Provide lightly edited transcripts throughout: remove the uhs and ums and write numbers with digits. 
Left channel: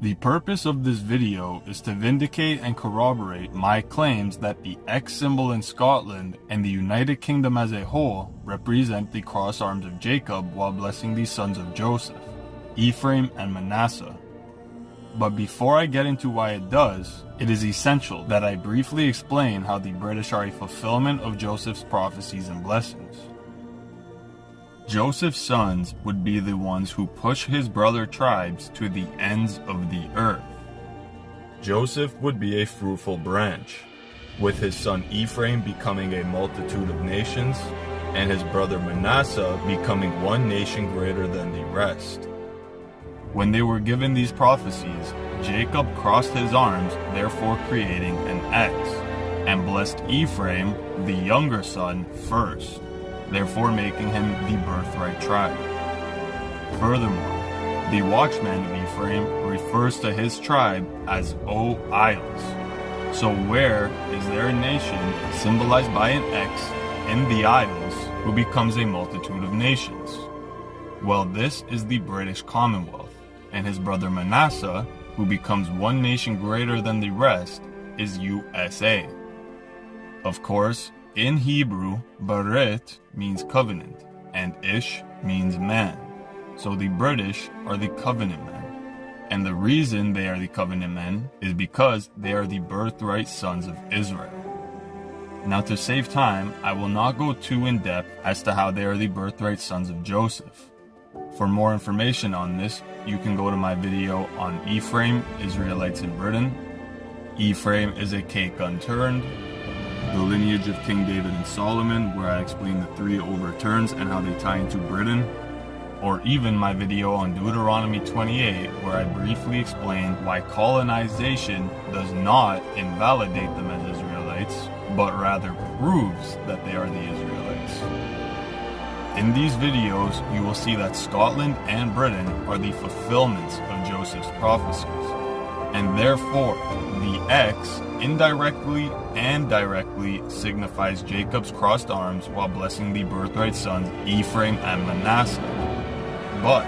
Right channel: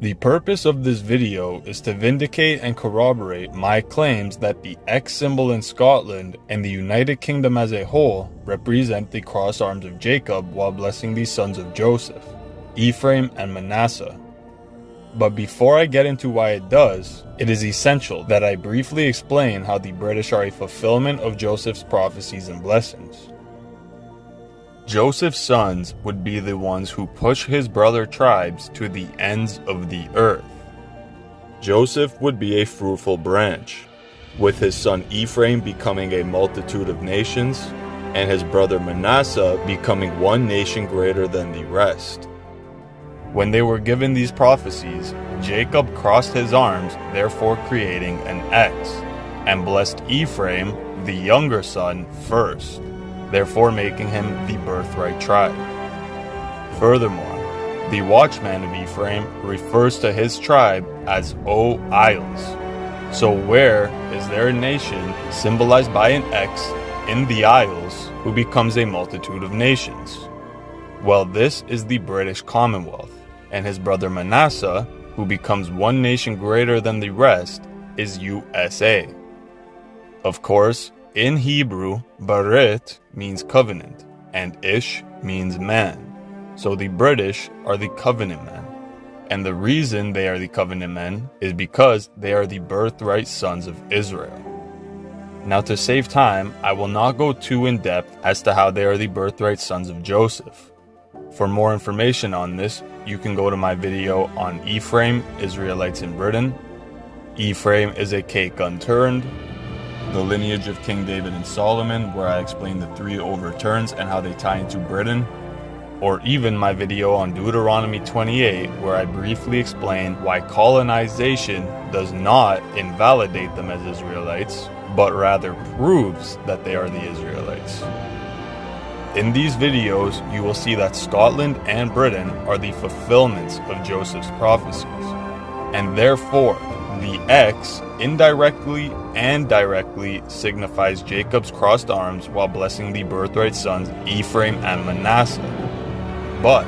The purpose of this video is to vindicate and corroborate my claims that the X symbol in Scotland and the United Kingdom as a whole represent the cross arms of Jacob while blessing the sons of Joseph, Ephraim and Manasseh. But before I get into why it does, it is essential that I briefly explain how the British are a fulfillment of Joseph's prophecies and blessings. Joseph's sons would be the ones who push his brother tribes to the ends of the earth. Joseph would be a fruitful branch, with his son Ephraim becoming a multitude of nations, and his brother Manasseh becoming one nation greater than the rest. When they were given these prophecies, Jacob crossed his arms, therefore creating an X, and blessed Ephraim, the younger son, first, therefore making him the birthright tribe. Furthermore, the watchman of Ephraim refers to his tribe as O Isles. So where is there a nation symbolized by an X in the Isles who becomes a multitude of nations? Well, this is the British Commonwealth, and his brother Manasseh, who becomes one nation greater than the rest, is USA. Of course, in Hebrew, Barit means covenant, and Ish means man. So the British are the covenant men. And the reason they are the covenant men is because they are the birthright sons of Israel. Now, to save time, I will not go too in depth as to how they are the birthright sons of Joseph. For more information on this, you can go to my video on Ephraim, Israelites in Britain. Ephraim is a cake unturned. The lineage of King David and Solomon, where I explain the 3 overturns and how they tie into Britain. Or even my video on Deuteronomy 28, where I briefly explain why colonization does not invalidate them as Israelites, but rather proves that they are the Israelites. In these videos, you will see that Scotland and Britain are the fulfillments of Joseph's prophecies, and therefore the X indirectly and directly signifies Jacob's crossed arms while blessing the birthright sons Ephraim and Manasseh. But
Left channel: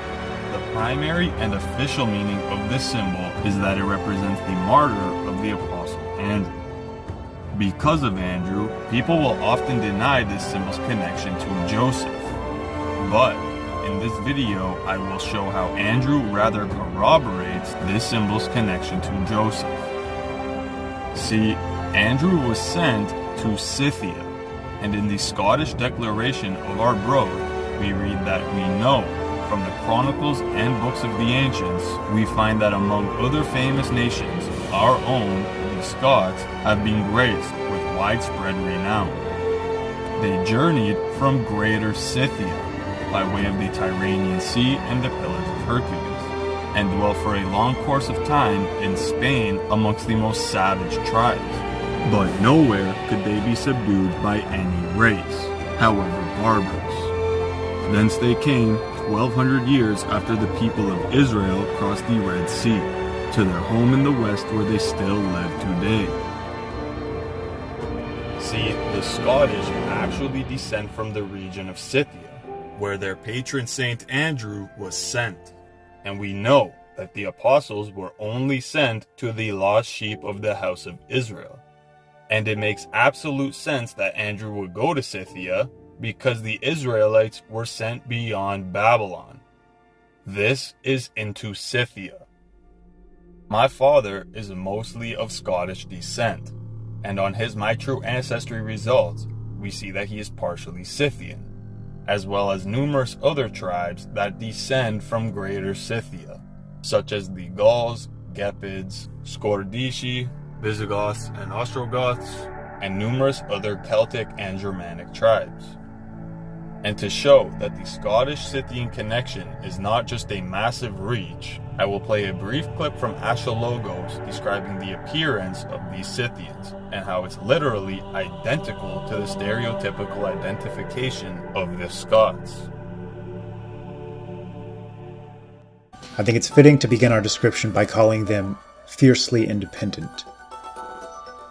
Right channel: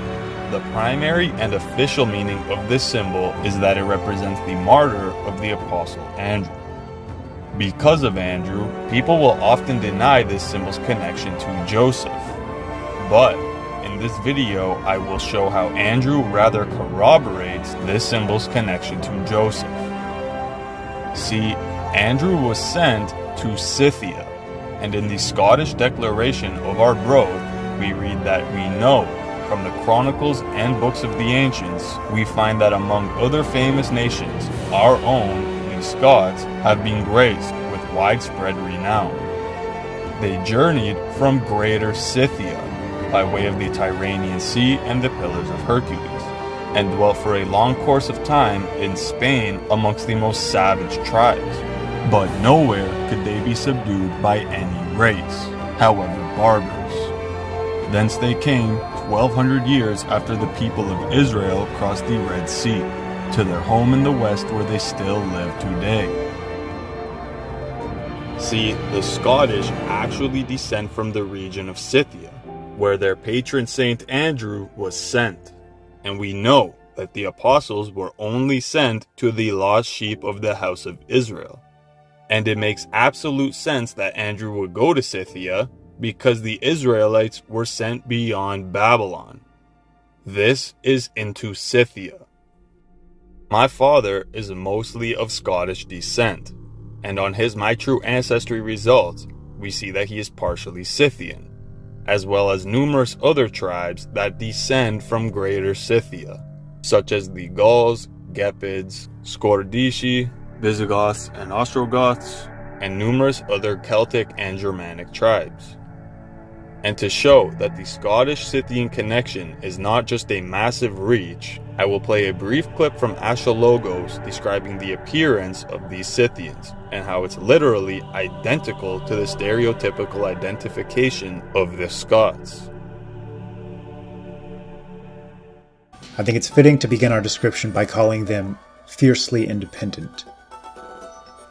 the primary and official meaning of this symbol is that it represents the martyr of the Apostle Andrew. Because of Andrew, people will often deny this symbol's connection to Joseph. But in this video, I will show how Andrew rather corroborates this symbol's connection to Joseph. See, Andrew was sent to Scythia, and in the Scottish declaration of our growth, we read that we know from the chronicles and books of the ancients, we find that among other famous nations, our own, the Scots, have been graced with widespread renown. They journeyed from Greater Scythia, by way of the Tyrrhenian Sea and the Pillars of Hercules, and dwelt for a long course of time in Spain amongst the most savage tribes. But nowhere could they be subdued by any race, however barbarous. Thence they came 1,200 years after the people of Israel crossed the Red Sea, to their home in the west where they still live today. See, the Scottish actually descend from the region of Scythia, where their patron Saint Andrew was sent. And we know that the apostles were only sent to the lost sheep of the house of Israel. And it makes absolute sense that Andrew would go to Scythia because the Israelites were sent beyond Babylon. This is into Scythia. My father is mostly of Scottish descent, and on his My True Ancestry results, we see that he is partially Scythian, as well as numerous other tribes that descend from Greater Scythia, such as the Gauls, Gepids, Scordisci, Visigoths and Ostrogoths, and numerous other Celtic and Germanic tribes. And to show that the Scottish-Scythian connection is not just a massive reach, I will play a brief clip from Ashologos describing the appearance of these Scythians, and how it's literally identical to the stereotypical identification of the Scots. I think it's fitting to begin our description by calling them fiercely independent.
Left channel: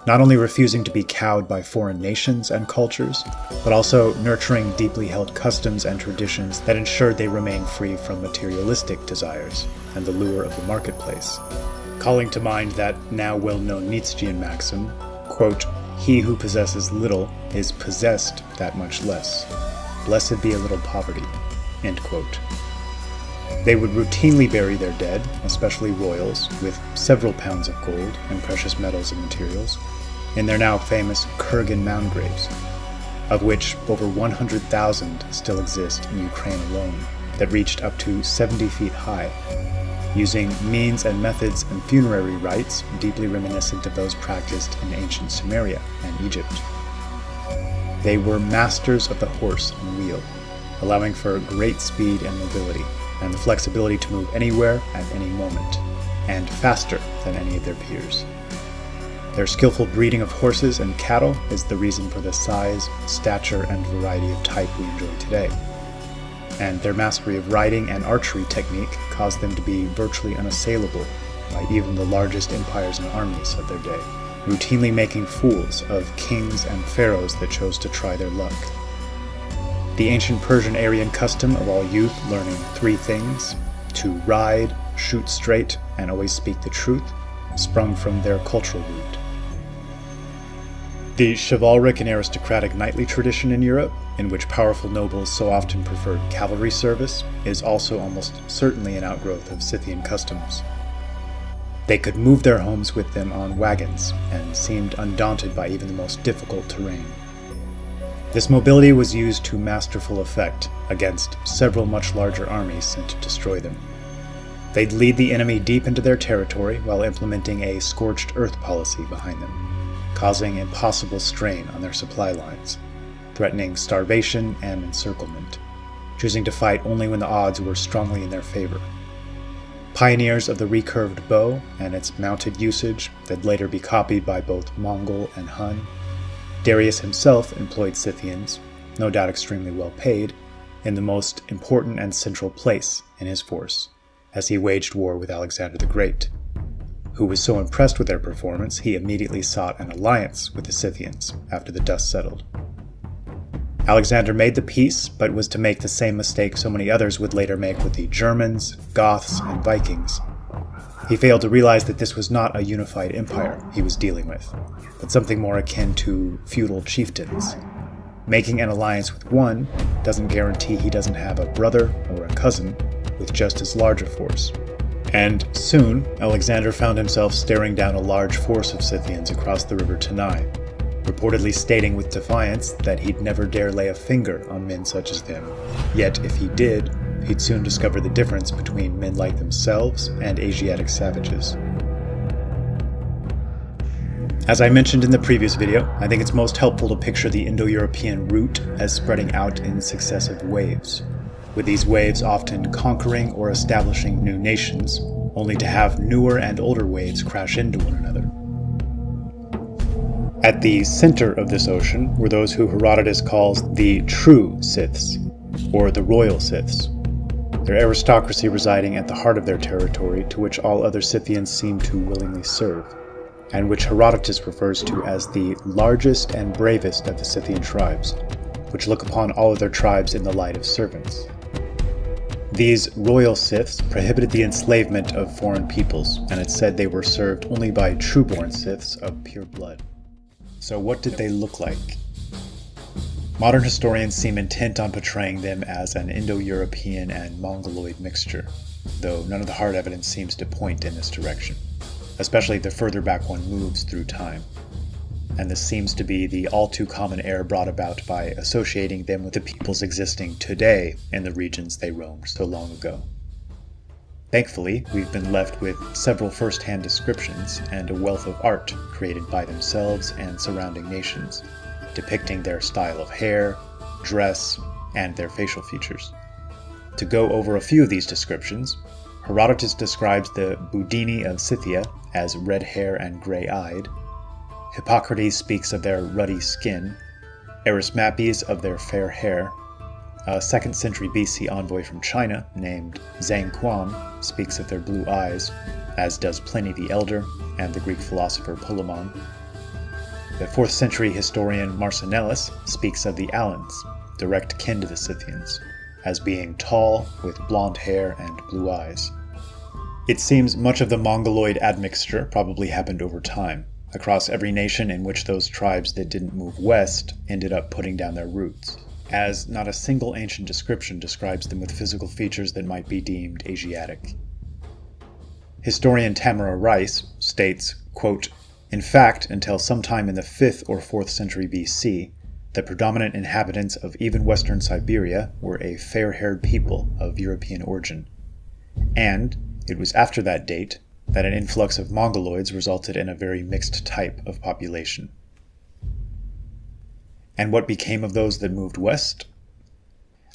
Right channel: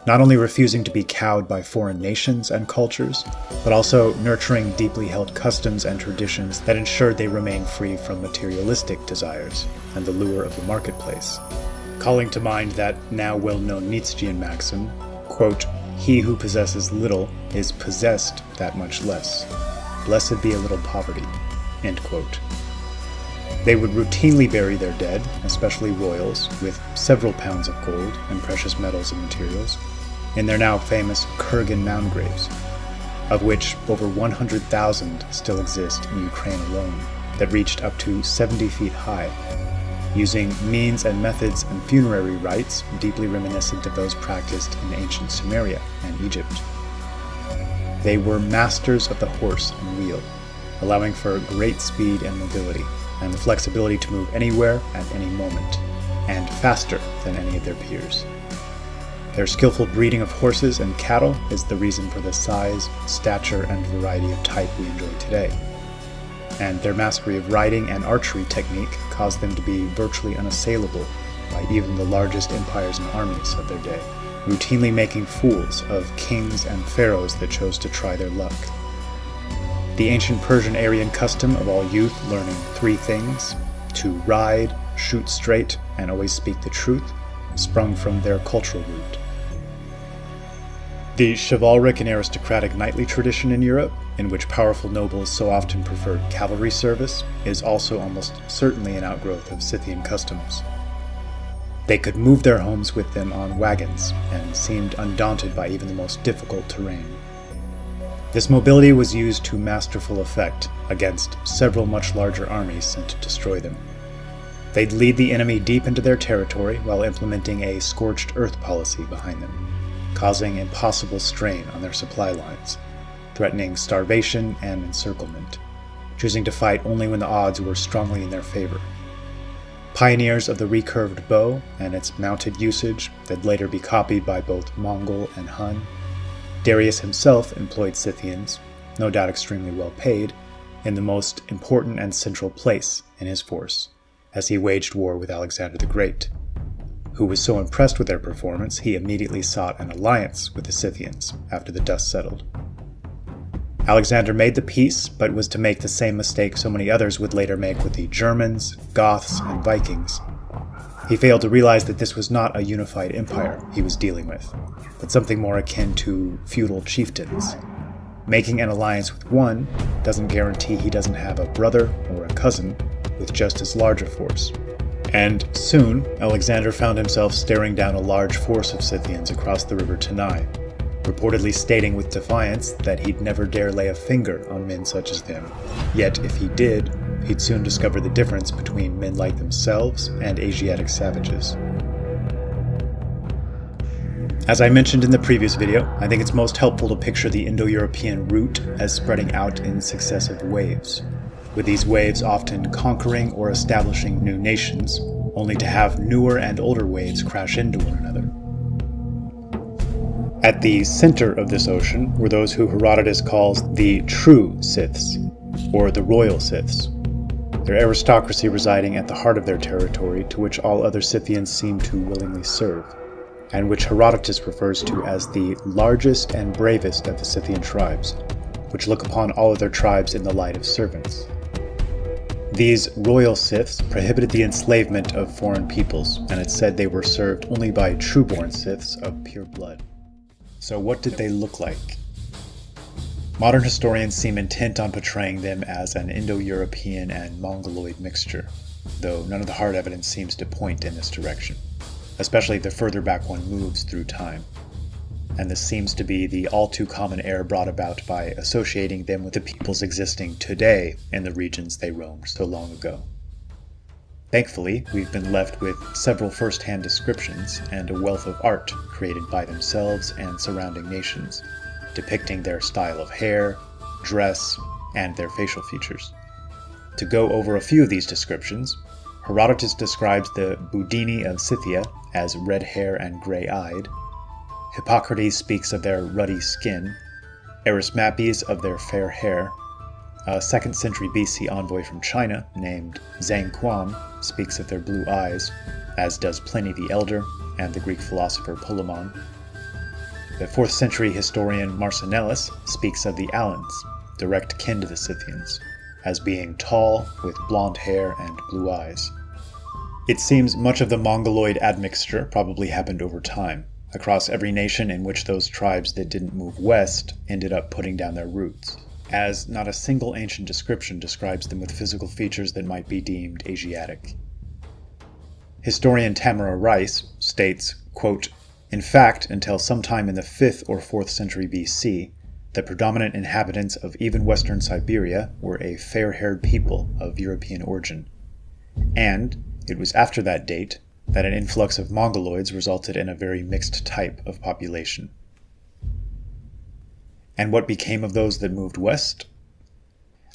Not only refusing to be cowed by foreign nations and cultures, but also nurturing deeply held customs and traditions that ensured they remain free from materialistic desires and the lure of the marketplace. calling to mind that now well-known Nietzschean maxim, quote, "He who possesses little is possessed that much less. Blessed be a little poverty," end quote. They would routinely bury their dead, especially royals, with several pounds of gold and precious metals and materials, in their now famous Kurgan mound graves, of which over 100,000 still exist in Ukraine alone, that reached up to 70 feet high, using means and methods and funerary rites deeply reminiscent of those practiced in ancient Sumeria and Egypt. They were masters of the horse and wheel, allowing for great speed and mobility, and the flexibility to move anywhere at any moment, and faster than any of their peers. Their skillful breeding of horses and cattle is the reason for the size, stature, and variety of type we enjoy today. And their mastery of riding and archery technique caused them to be virtually unassailable by even the largest empires and armies of their day, routinely making fools of kings and pharaohs that chose to try their luck. The ancient Persian Aryan custom of all youth learning three things, to ride, shoot straight, and always speak the truth, sprung from their cultural root. The chivalric and aristocratic knightly tradition in Europe, in which powerful nobles so often preferred cavalry service, is also almost certainly an outgrowth of Scythian customs. They could move their homes with them on wagons, and seemed undaunted by even the most difficult terrain. This mobility was used to masterful effect against several much larger armies sent to destroy them. They'd lead the enemy deep into their territory while implementing a scorched earth policy behind them, causing impossible strain on their supply lines, threatening starvation and encirclement, choosing to fight only when the odds were strongly in their favor. Pioneers of the recurved bow and its mounted usage that'd later be copied by both Mongol and Hun, Darius himself employed Scythians, no doubt extremely well paid, in the most important and central place in his force, as he waged war with Alexander the Great, who was so impressed with their performance he immediately sought an alliance with the Scythians after the dust settled. Alexander made the peace, but was to make the same mistake so many others would later make with the Germans, Goths, and Vikings. He failed to realize that this was not a unified empire he was dealing with, but something more akin to feudal chieftains. Making an alliance with one doesn't guarantee he doesn't have a brother or a cousin with just as large a force. And soon, Alexander found himself staring down a large force of Scythians across the river Tanai, reportedly stating with defiance that he'd never dare lay a finger on men such as them. Yet if he did, he'd soon discover the difference between men like themselves and Asiatic savages. As I mentioned in the previous video, I think it's most helpful to picture the Indo-European route as spreading out in successive waves, with these waves often conquering or establishing new nations, only to have newer and older waves crash into one another. At the center of this ocean were those who Herodotus calls the true Scyths, or the royal Scyths, their aristocracy residing at the heart of their territory to which all other Scythians seem to willingly serve, and which Herodotus refers to as the largest and bravest of the Scythian tribes, which look upon all other tribes in the light of servants. These royal Scyths prohibited the enslavement of foreign peoples, and it's said they were served only by true-born Scyths of pure blood. So what did they look like? Modern historians seem intent on portraying them as an Indo-European and Mongoloid mixture, though none of the hard evidence seems to point in this direction, especially the further back one moves through time. And this seems to be the all-too-common error brought about by associating them with the peoples existing today in the regions they roamed so long ago. Thankfully, we've been left with several first-hand descriptions and a wealth of art created by themselves and surrounding nations, depicting their style of hair, dress, and their facial features. To go over a few of these descriptions, Herodotus describes the Budini of Scythia as red hair and gray-eyed, Hippocrates speaks of their ruddy skin, Erismapes of their fair hair, a 2nd century BC envoy from China named Zhang Quan speaks of their blue eyes, as does Pliny the Elder and the Greek philosopher Polemon. The 4th century historian Marcinellus speaks of the Alans, direct kin to the Scythians, as being tall with blonde hair and blue eyes. It seems much of the Mongoloid admixture probably happened over time, across every nation in which those tribes that didn't move west ended up putting down their roots, as not a single ancient description describes them with physical features that might be deemed Asiatic. Historian Tamara Rice states, quote, "In fact, until sometime in the 5th or 4th century BC, the predominant inhabitants of even western Siberia were a fair-haired people of European origin, and it was after that date that an influx of Mongoloids resulted in a very mixed type of population." And what became of those that moved west?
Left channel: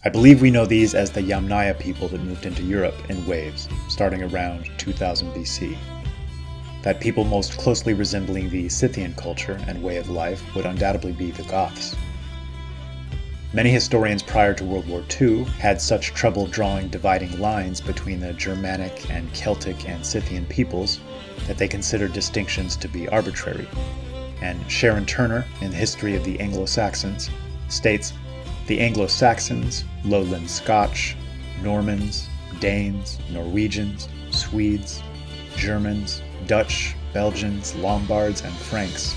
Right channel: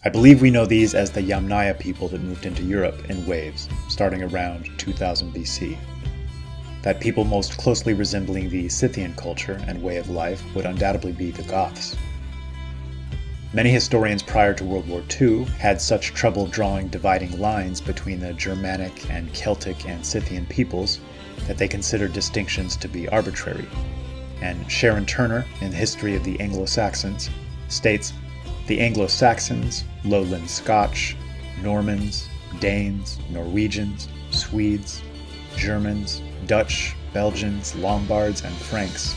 I believe we know these as the Yamnaya people that moved into Europe in waves, starting around 2000 BC. That people most closely resembling the Scythian culture and way of life would undoubtedly be the Goths. Many historians prior to World War II had such trouble drawing dividing lines between the Germanic and Celtic and Scythian peoples that they considered distinctions to be arbitrary. And Sharon Turner, in the History of the Anglo-Saxons, states, "The Anglo-Saxons, Lowland Scotch, Normans, Danes, Norwegians, Swedes, Germans, Dutch, Belgians, Lombards, and Franks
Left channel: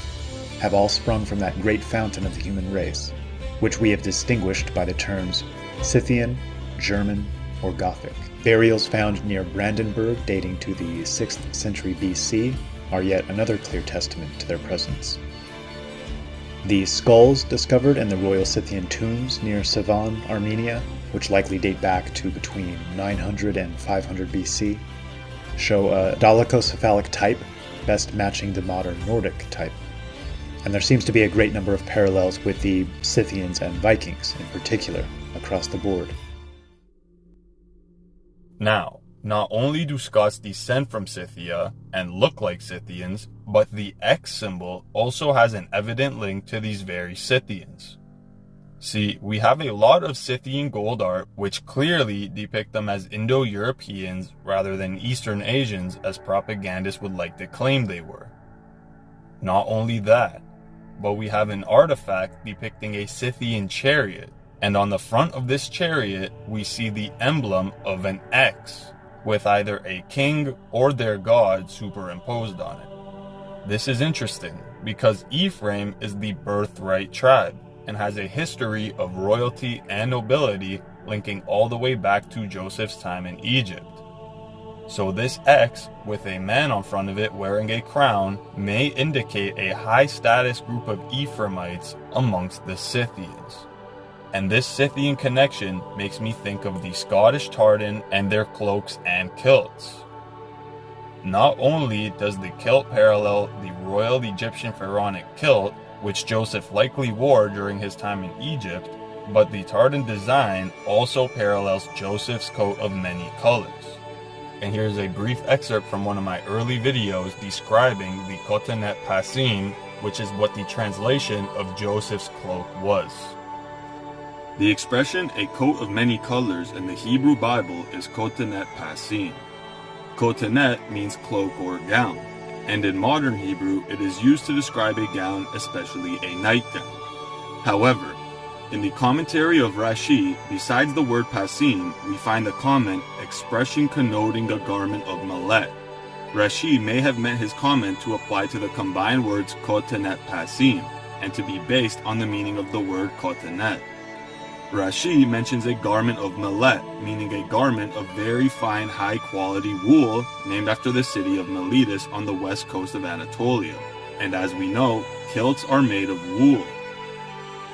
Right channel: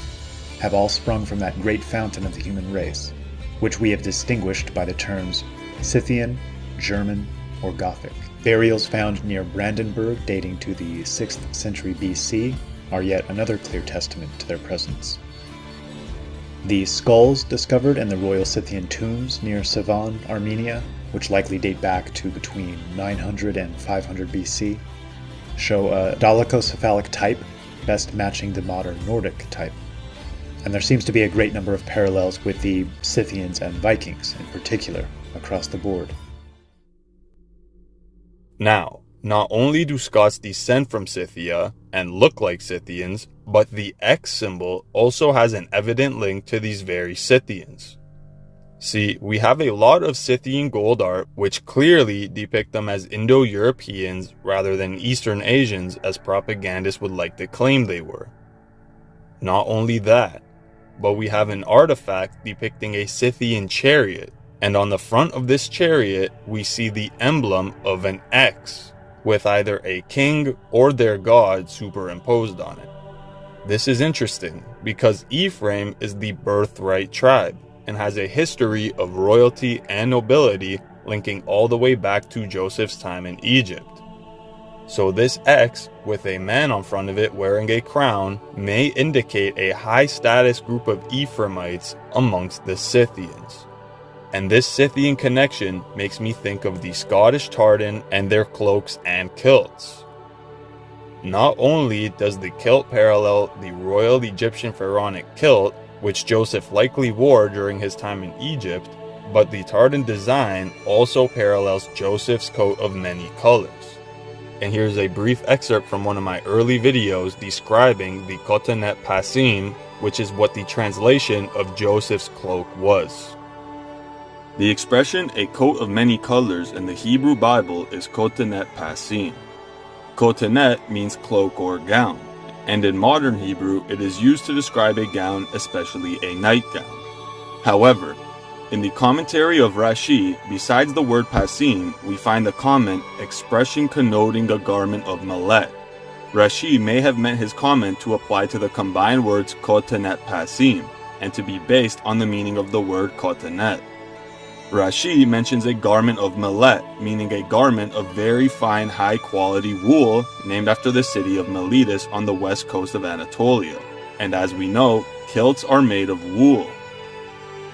have all sprung from that great fountain of the human race, which we have distinguished by the terms Scythian, German, or Gothic." Burials found near Brandenburg dating to the 6th century BC are yet another clear testament to their presence. The skulls discovered in the Royal Scythian tombs near Sevan, Armenia, which likely date back to between 900 and 500 BC, show a dolichocephalic type, best matching the modern Nordic type. And there seems to be a great number of parallels with the Scythians and Vikings in particular, across the board. Now, not only do Scots descend from Scythia and look like Scythians, but the X symbol also has an evident link to these very Scythians. See, we have a lot of Scythian gold art which clearly depict them as Indo-Europeans rather than Eastern Asians as propagandists would like to claim they were. Not only that, but we have an artifact depicting a Scythian chariot, and on the front of this chariot we see the emblem of an X, with either a king or their god superimposed on it. This is interesting because Ephraim is the birthright tribe and has a history of royalty and nobility linking all the way back to Joseph's time in Egypt. So this X, with a man on front of it wearing a crown, may indicate a high-status group of Ephraimites amongst the Scythians. And this Scythian connection makes me think of the Scottish tartan and their cloaks and kilts. Not only does the kilt parallel the royal Egyptian pharaonic kilt, which Joseph likely wore during his time in Egypt, but the tartan design also parallels Joseph's coat of many colors. And here's a brief excerpt from one of my early videos describing the cotonet pasim, which is what the translation of Joseph's cloak was. The expression "a coat of many colors" in the Hebrew Bible is cotonet pasim. Cotonet means cloak or gown, and in modern Hebrew it is used to describe a gown, especially a nightgown. However, in the commentary of Rashi, besides the word pasim, we find the comment expression connoting a garment of millet. Rashi may have meant his comment to apply to the combined words cotonet pasim, and to be based on the meaning of the word cotonet. Rashi mentions a garment of millet, meaning a garment of very fine high-quality wool, named after the city of Miletus on the west coast of Anatolia. And as we know, kilts are made of wool.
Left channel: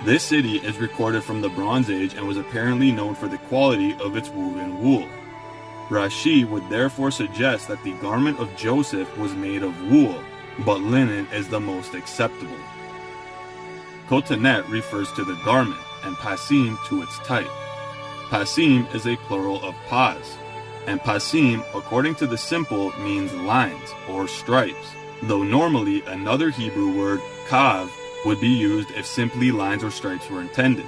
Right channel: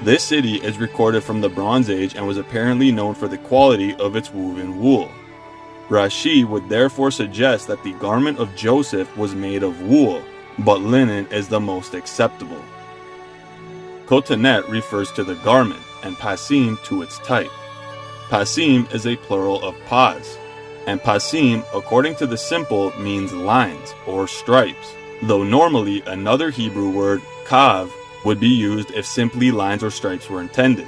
This city is recorded from the Bronze Age and was apparently known for the quality of its woven wool. Rashi would therefore suggest that the garment of Joseph was made of wool, but linen is the most acceptable. Cotonet refers to the garment, and pasim to its type. Pasim is a plural of pas, and pasim, according to the simple, means lines or stripes, though normally another Hebrew word, kav, would be used if simply lines or stripes were intended.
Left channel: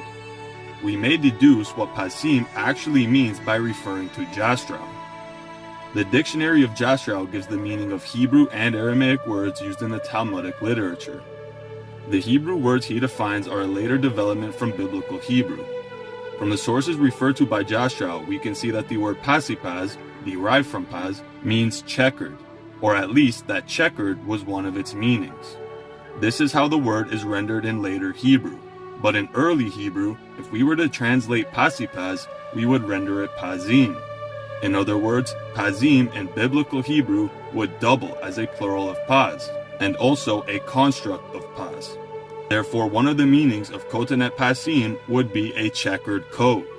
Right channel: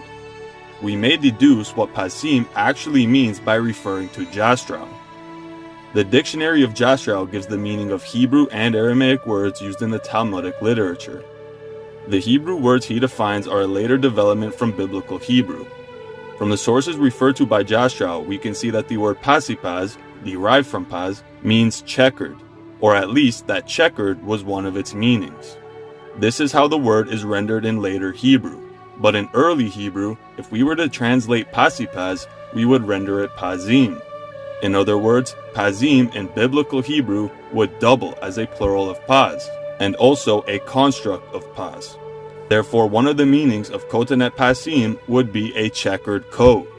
We may deduce what pasim actually means by referring to Jastrow. The Dictionary of Jastrow gives the meaning of Hebrew and Aramaic words used in the Talmudic literature. The Hebrew words he defines are a later development from Biblical Hebrew. From the sources referred to by Jastrow, we can see that the word pasipaz, derived from pas, means checkered, or at least that checkered was one of its meanings. This is how the word is rendered in later Hebrew, but in early Hebrew, if we were to translate pasipas, we would render it pazim. In other words, pazim in biblical Hebrew would double as a plural of pas, and also a construct of pas. Therefore, one of the meanings of kotanet pasim would be a checkered coat.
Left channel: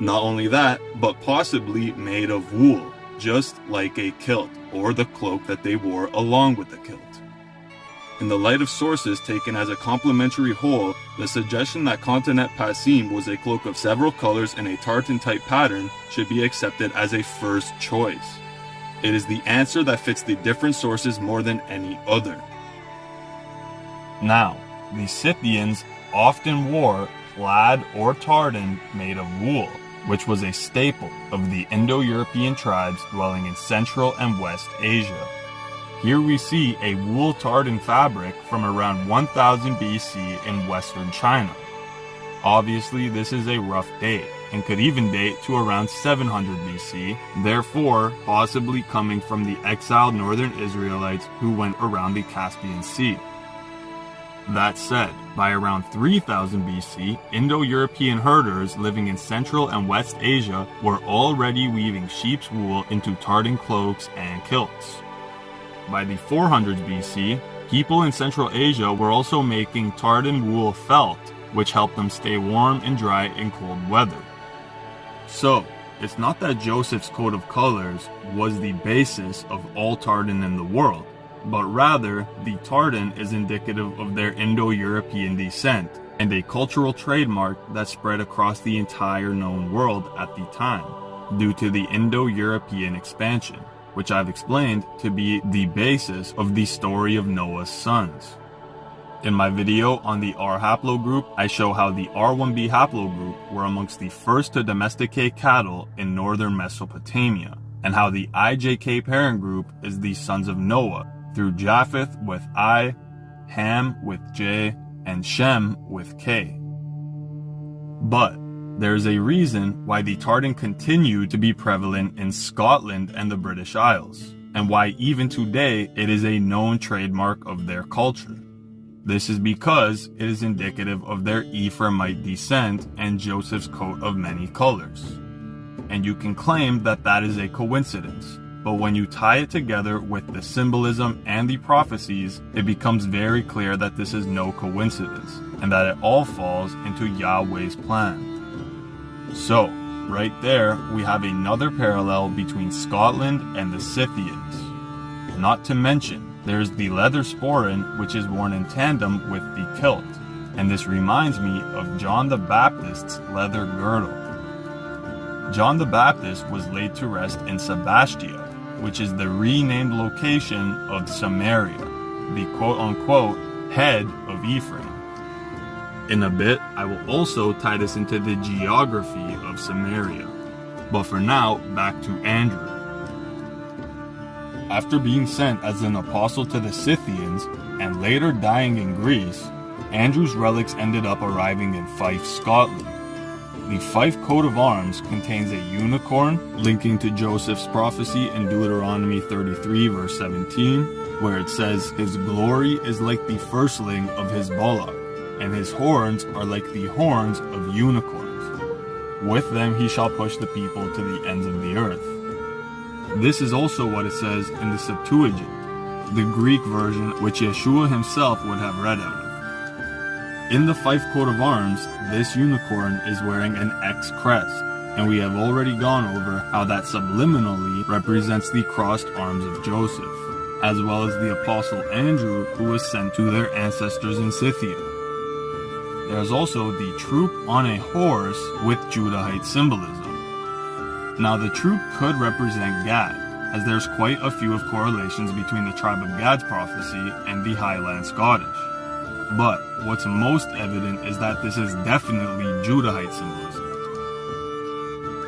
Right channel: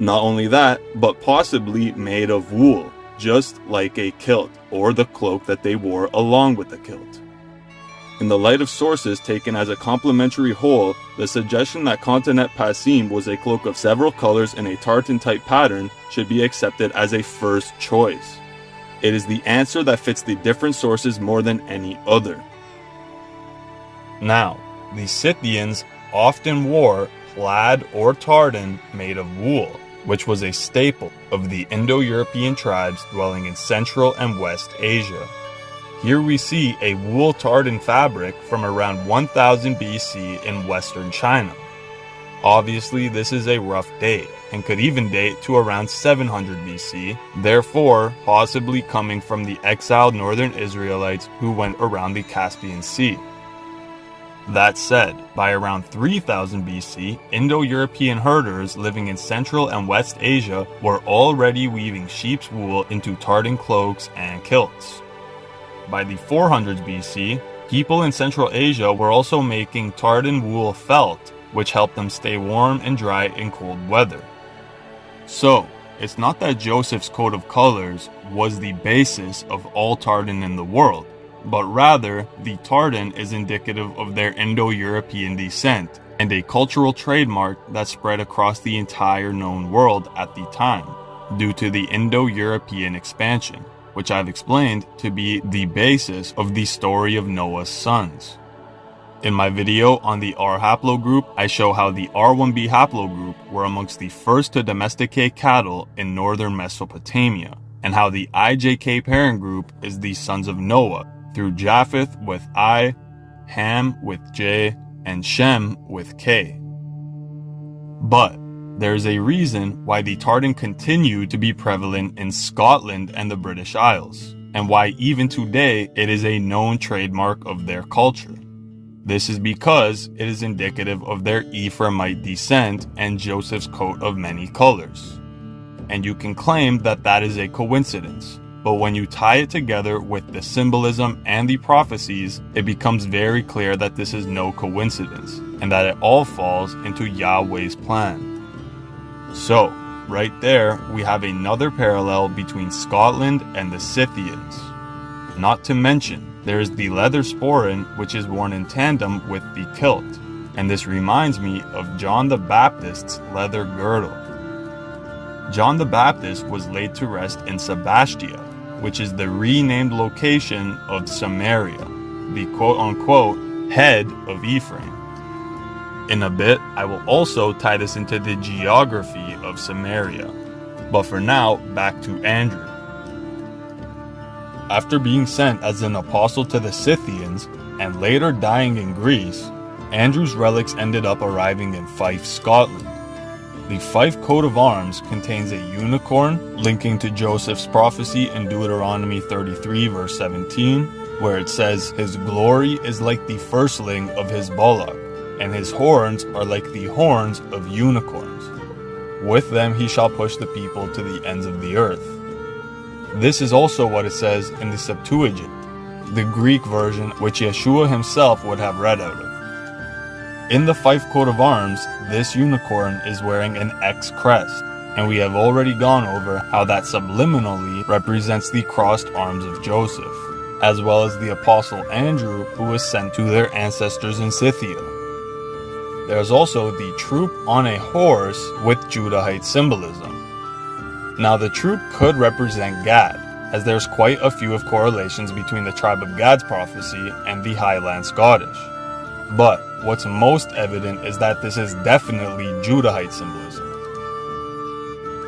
Not only that, but possibly made of wool, just like a kilt, or the cloak that they wore along with the kilt. In the light of sources taken as a complementary whole, the suggestion that kotanet pasim was a cloak of several colors in a tartan-type pattern should be accepted as a first choice. It is the answer that fits the different sources more than any other. Now, the Scythians often wore plaid or tartan made of wool, which was a staple of the Indo-European tribes dwelling in Central and West Asia. Here we see a wool tartan fabric from around 1000 BC in Western China. Obviously, this is a rough date, and could even date to around 700 BC, therefore possibly coming from the exiled northern Israelites who went around the Caspian Sea. That said, by around 3000 BC, Indo-European herders living in Central and West Asia were already weaving sheep's wool into tartan cloaks and kilts. By the 400s BC, people in Central Asia were also making tartan wool felt, which helped them stay warm and dry in cold weather. So, it's not that Joseph's coat of colors was the basis of all tartan in the world, but rather the tartan is indicative of their Indo-European descent and a cultural trademark that spread across the entire known world at the time, due to the Indo-European expansion, which I've explained to be the basis of the story of Noah's sons. In my video on the R haplogroup, I show how the R1b haplogroup were amongst the first to domesticate cattle in northern Mesopotamia, and how the IJK parent group is the sons of Noah, through Japheth with I, Ham with J, and Shem with K. But there's a reason why the tartan continued to be prevalent in Scotland and the British Isles, and why even today it is a known trademark of their culture. This is because it is indicative of their Ephraimite descent and Joseph's coat of many colors. And you can claim that that is a coincidence, but when you tie it together with the symbolism and the prophecies, it becomes very clear that this is no coincidence, and that it all falls into Yahweh's plan. So, right there, we have another parallel between Scotland and the Scythians. Not to mention, there is the leather sporran, which is worn in tandem with the kilt, and this reminds me of John the Baptist's leather girdle. John the Baptist was laid to rest in Sebastia, which is the renamed location of Samaria, the quote-unquote head of Ephraim. In a bit, I will also tie this into the geography of Samaria. But for now, back to Andrew. After being sent as an apostle to the Scythians, and later dying in Greece, Andrew's relics ended up arriving in Fife, Scotland. The Fife coat of arms contains a unicorn, linking to Joseph's prophecy in Deuteronomy 33 verse 17, where it says, "His glory is like the firstling of his bullock, and his horns are like the horns of unicorns. With them he shall push the people to the ends of the earth." This is also what it says in the Septuagint, the Greek version which Yeshua himself would have read out of. In the Fife coat of arms, this unicorn is wearing an X crest, and we have already gone over how that subliminally represents the crossed arms of Joseph, as well as the apostle Andrew who was sent to their ancestors in Scythia. There's also the troop on a horse with Judahite symbolism. Now the troop could represent Gad, as there's quite a few of correlations between the tribe of Gad's prophecy and the Highland Scottish. But what's most evident is that this is definitely Judahite symbolism.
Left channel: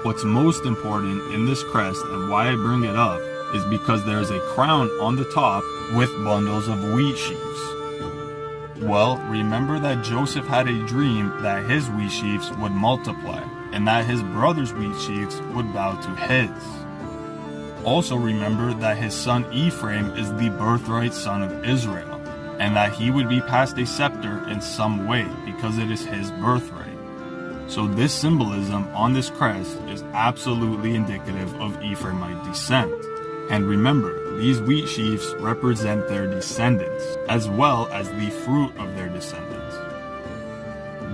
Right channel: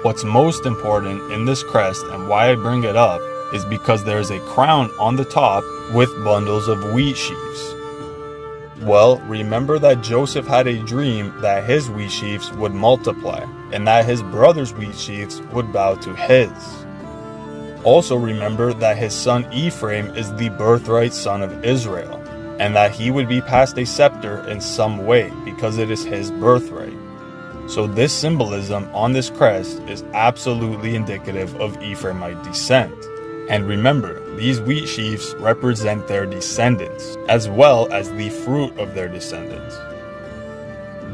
What's most important in this crest, and why I bring it up, is because there's a crown on the top with bundles of wheat sheaves. Well, remember that Joseph had a dream that his wheat sheaves would multiply, and that his brother's wheat sheaves would bow to his. Also remember that his son Ephraim is the birthright son of Israel, and that he would be passed a scepter in some way because it is his birthright. So this symbolism on this crest is absolutely indicative of Ephraimite descent. And remember, these wheat sheaves represent their descendants, as well as the fruit of their descendants.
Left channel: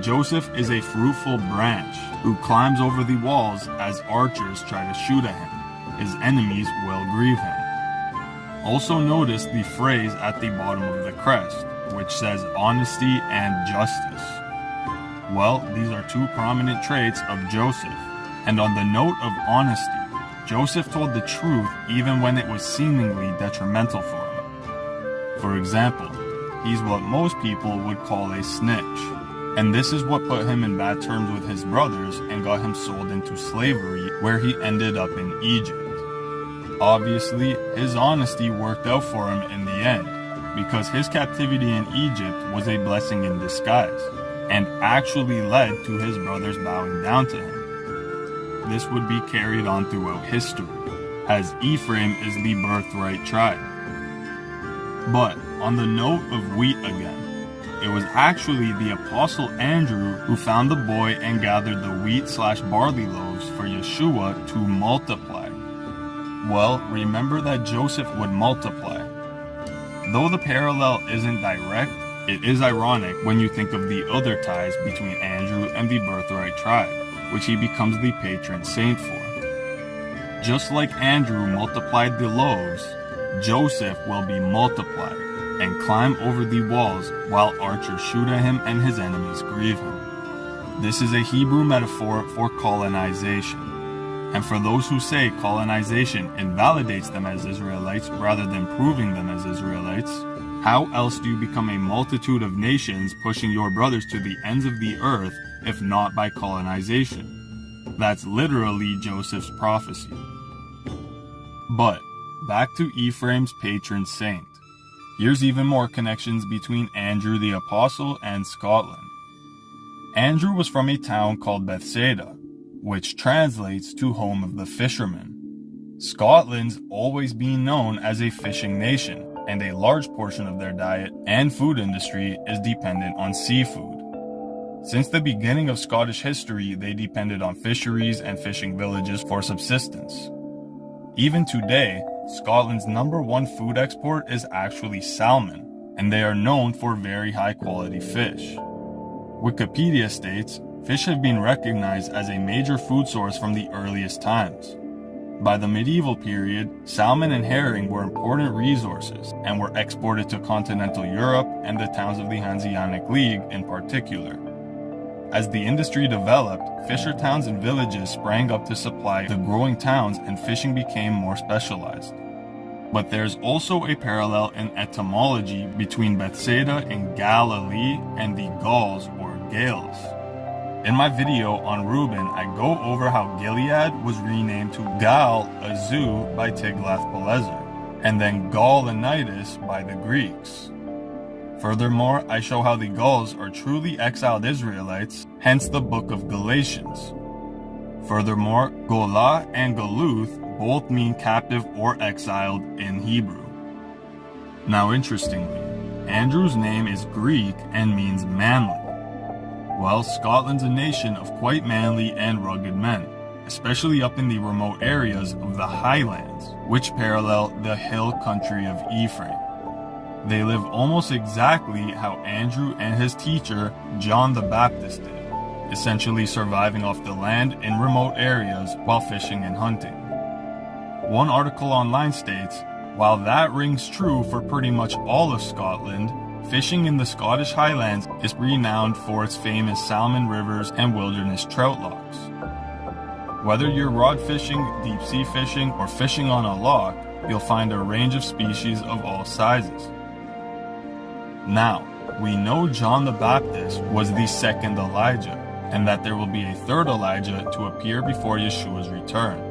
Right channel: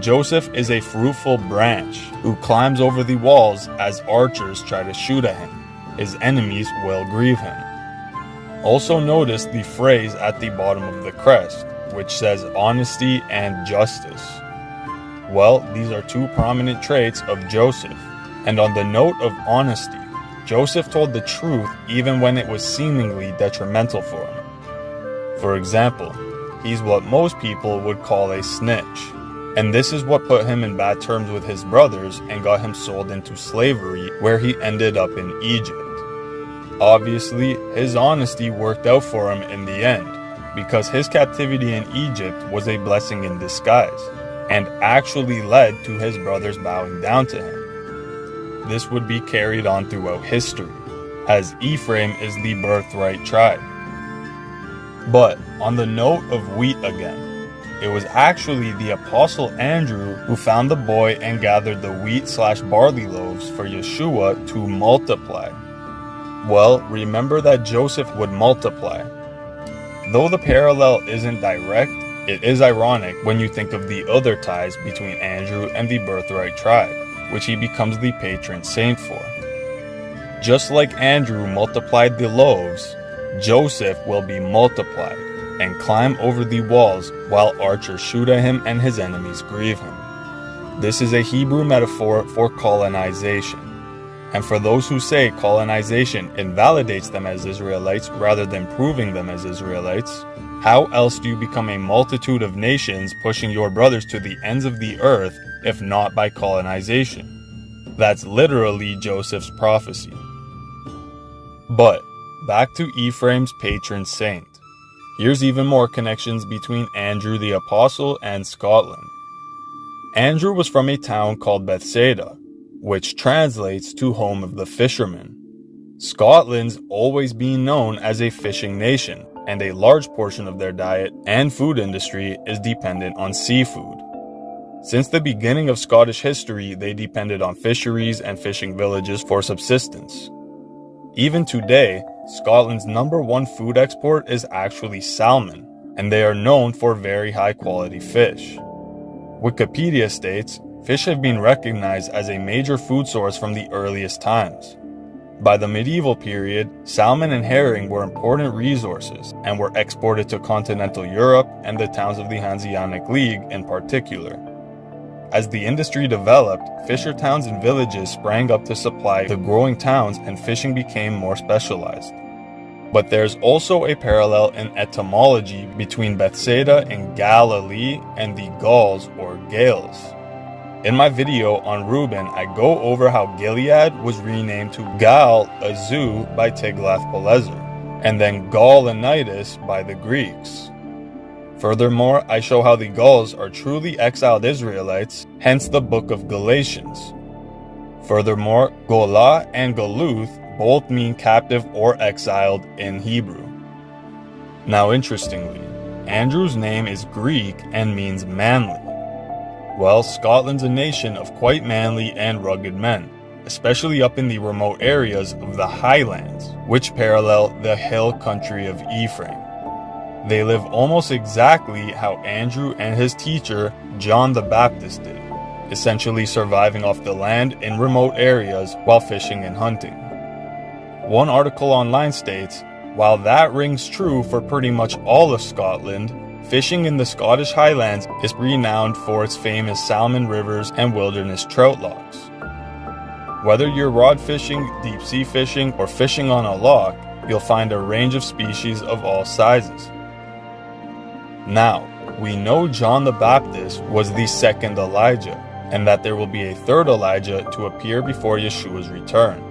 Joseph is a fruitful branch who climbs over the walls as archers try to shoot at him. His enemies will grieve him. Also notice the phrase at the bottom of the crest, which says honesty and justice. Well, these are two prominent traits of Joseph. And on the note of honesty, Joseph told the truth even when it was seemingly detrimental for him. For example, he's what most people would call a snitch. And this is what put him in bad terms with his brothers and got him sold into slavery, where he ended up in Egypt. Obviously, his honesty worked out for him in the end, because his captivity in Egypt was a blessing in disguise, and actually led to his brothers bowing down to him. This would be carried on throughout history, as Ephraim is the birthright tribe. But on the note of wheat again, it was actually the Apostle Andrew who found the boy and gathered the wheat/barley loaves for Yeshua to multiply. Well, remember that Joseph would multiply. Though the parallel isn't direct, it is ironic when you think of the other ties between Andrew and the birthright tribe, which he becomes the patron saint for. Just like Andrew multiplied the loaves, Joseph will be multiplied and climb over the walls while archers shoot at him and his enemies grieve him. This is a Hebrew metaphor for colonization. And for those who say colonization invalidates them as Israelites rather than proving them as Israelites, how else do you become a multitude of nations pushing your brothers to the ends of the earth if not by colonization? That's literally Joseph's prophecy. But back to Ephraim's patron saint. Here's even more connections between Andrew the Apostle and Scotland. Andrew was from a town called Bethsaida, which translates to home of the fishermen. Scotland's always been known as a fishing nation, and a large portion of their diet and food industry is dependent on seafood. Since the beginning of Scottish history, they depended on fisheries and fishing villages for subsistence. Even today, Scotland's #1 food export is actually salmon, and they are known for very high quality fish. Wikipedia states, fish have been recognized as a major food source from the earliest times. By the medieval period, salmon and herring were important resources and were exported to continental Europe and the towns of the Hanseatic League in particular. As the industry developed, fisher towns and villages sprang up to supply the growing towns and fishing became more specialized. But there's also a parallel in etymology between Bethsaida in Galilee and the Gauls or Gales. In my video on Reuben, I go over how Gilead was renamed to Gal-Azu by Tiglath-Pileser, and then Gaulonitis by the Greeks. Furthermore, I show how the Gauls are truly exiled Israelites, hence the book of Galatians. Furthermore, Golah and Galuth both mean captive or exiled in Hebrew. Now interestingly, Andrew's name is Greek and means manly. Well, Scotland's a nation of quite manly and rugged men, especially up in the remote areas of the Highlands, which parallel the hill country of Ephraim. They live almost exactly how Andrew and his teacher, John the Baptist, did, essentially surviving off the land in remote areas while fishing and hunting. One article online states, while that rings true for pretty much all of Scotland, fishing in the Scottish Highlands is renowned for its famous salmon rivers and wilderness trout lochs. Whether you're rod fishing, deep sea fishing, or fishing on a loch, you'll find a range of species of all sizes. Now, we know John the Baptist was the second Elijah, and that there will be a third Elijah to appear before Yeshua's return.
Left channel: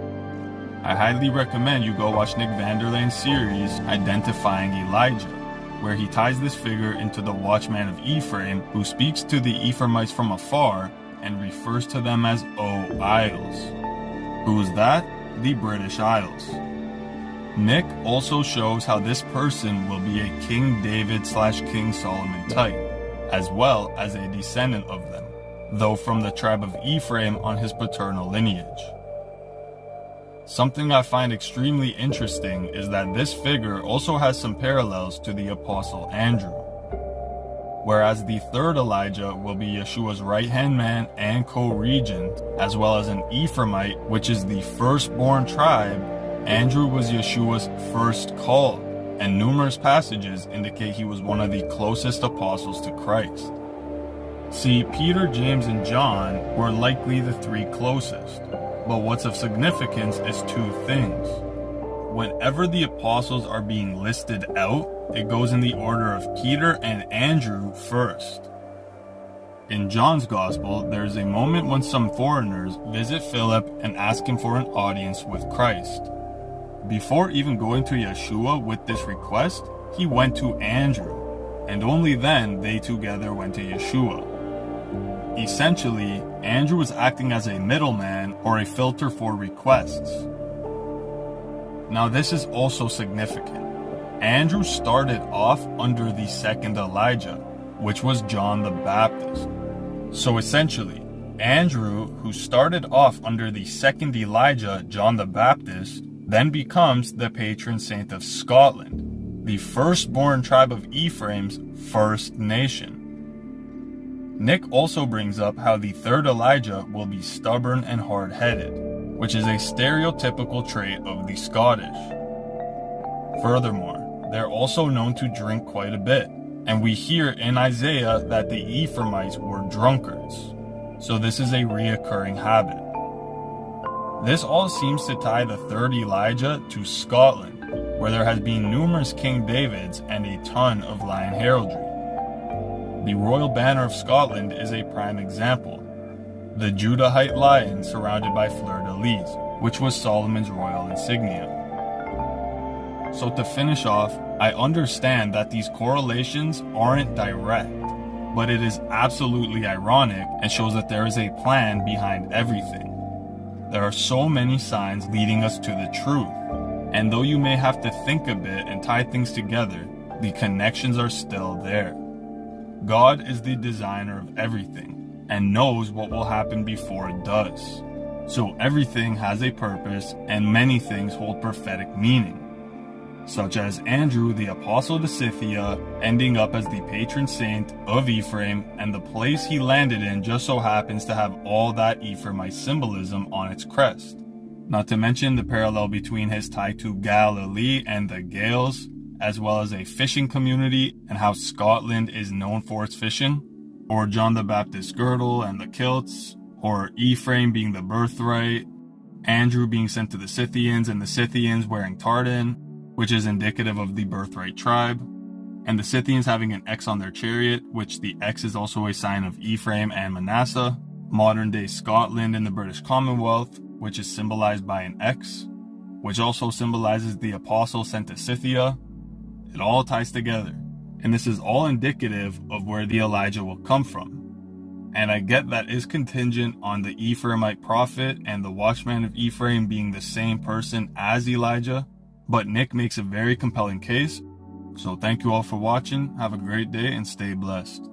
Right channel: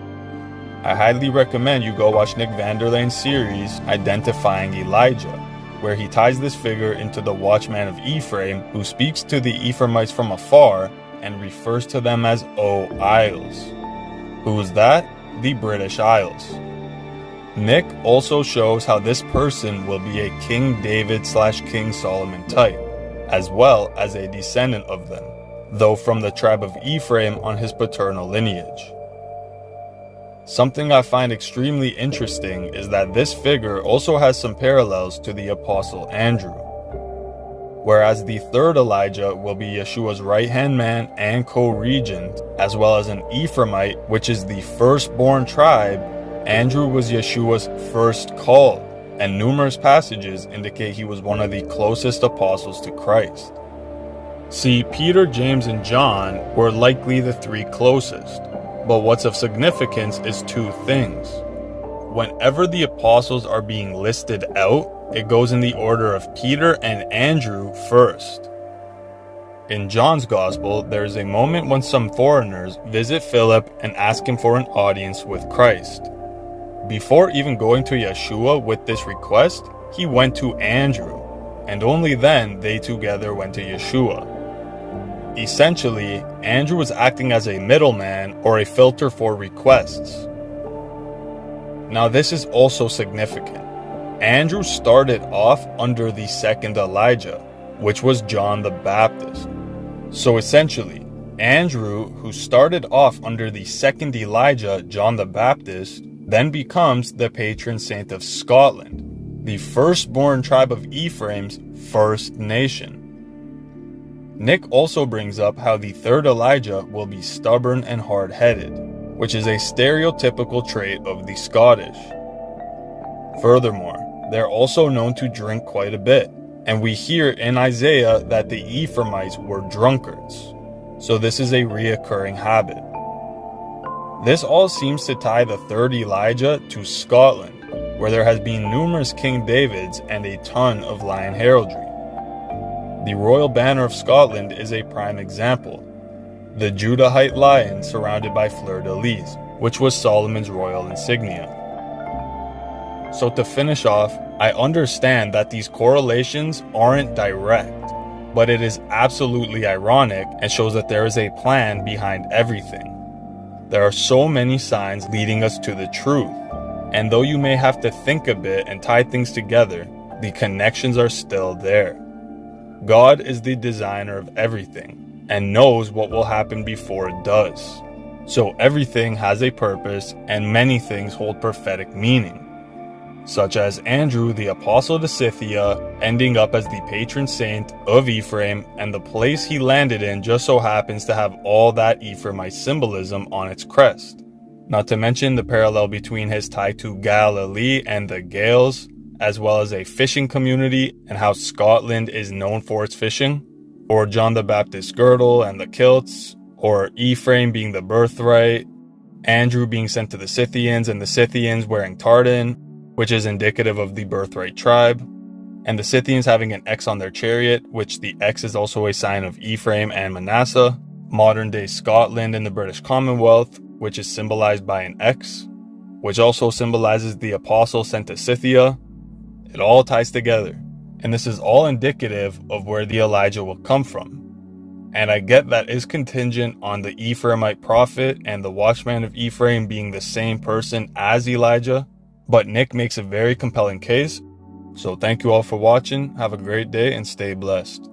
I highly recommend you go watch Nick Vanderlane's series, Identifying Elijah, where he ties this figure into the watchman of Ephraim, who speaks to the Ephraimites from afar and refers to them as O Isles. Who is that? The British Isles. Nick also shows how this person will be a King David/King Solomon type, as well as a descendant of them, though from the tribe of Ephraim on his paternal lineage. Something I find extremely interesting is that this figure also has some parallels to the Apostle Andrew, whereas the third Elijah will be Yeshua's right-hand man and co-regent, as well as an Ephraimite, which is the firstborn tribe. Andrew was Yeshua's first called, and numerous passages indicate he was one of the closest apostles to Christ. See, Peter, James, and John were likely the three closest, but what's of significance is two things. Whenever the apostles are being listed out, it goes in the order of Peter and Andrew first. In John's Gospel, there's a moment when some foreigners visit Philip and ask him for an audience with Christ. Before even going to Yeshua with this request, he went to Andrew, and only then they together went to Yeshua. Essentially, Andrew was acting as a middleman or a filter for requests. Now this is also significant. Andrew started off under the second Elijah, which was John the Baptist. So essentially, Andrew, who started off under the second Elijah, John the Baptist, then becomes the patron saint of Scotland, the firstborn tribe of Ephraim's first nation. Nick also brings up how the third Elijah will be stubborn and hard-headed, which is a stereotypical trait of the Scottish. Furthermore, they're also known to drink quite a bit, and we hear in Isaiah that the Ephraimites were drunkards, so this is a reoccurring habit. This all seems to tie the third Elijah to Scotland, where there has been numerous King Davids and a ton of lion heraldry. The royal banner of Scotland is a prime example, the Judahite lion surrounded by fleur-de-lis, which was Solomon's royal insignia. So to finish off, I understand that these correlations aren't direct, but it is absolutely ironic and shows that there is a plan behind everything. There are so many signs leading us to the truth, and though you may have to think a bit and tie things together, the connections are still there. God is the designer of everything and knows what will happen before it does. So everything has a purpose, and many things hold prophetic meaning, such as Andrew, the apostle to Scythia, ending up as the patron saint of Ephraim, and the place he landed in just so happens to have all that Ephraimite symbolism on its crest. Not to mention the parallel between his tie to Galilee and the Gaels, as well as a fishing community and how Scotland is known for its fishing, or John the Baptist's girdle and the kilts, or Ephraim being the birthright, Andrew being sent to the Scythians and the Scythians wearing tartan, which is indicative of the birthright tribe, and the Scythians having an X on their chariot, which the X is also a sign of Ephraim and Manasseh, modern-day Scotland in the British Commonwealth, which is symbolized by an X, which also symbolizes the apostle sent to Scythia. It all ties together, and this is all indicative of where the Elijah will come from. And I get that is contingent on the Ephraimite prophet and the watchman of Ephraim being the same person as Elijah, but Nick makes a very compelling case. So thank you all for watching, have a great day, and stay blessed.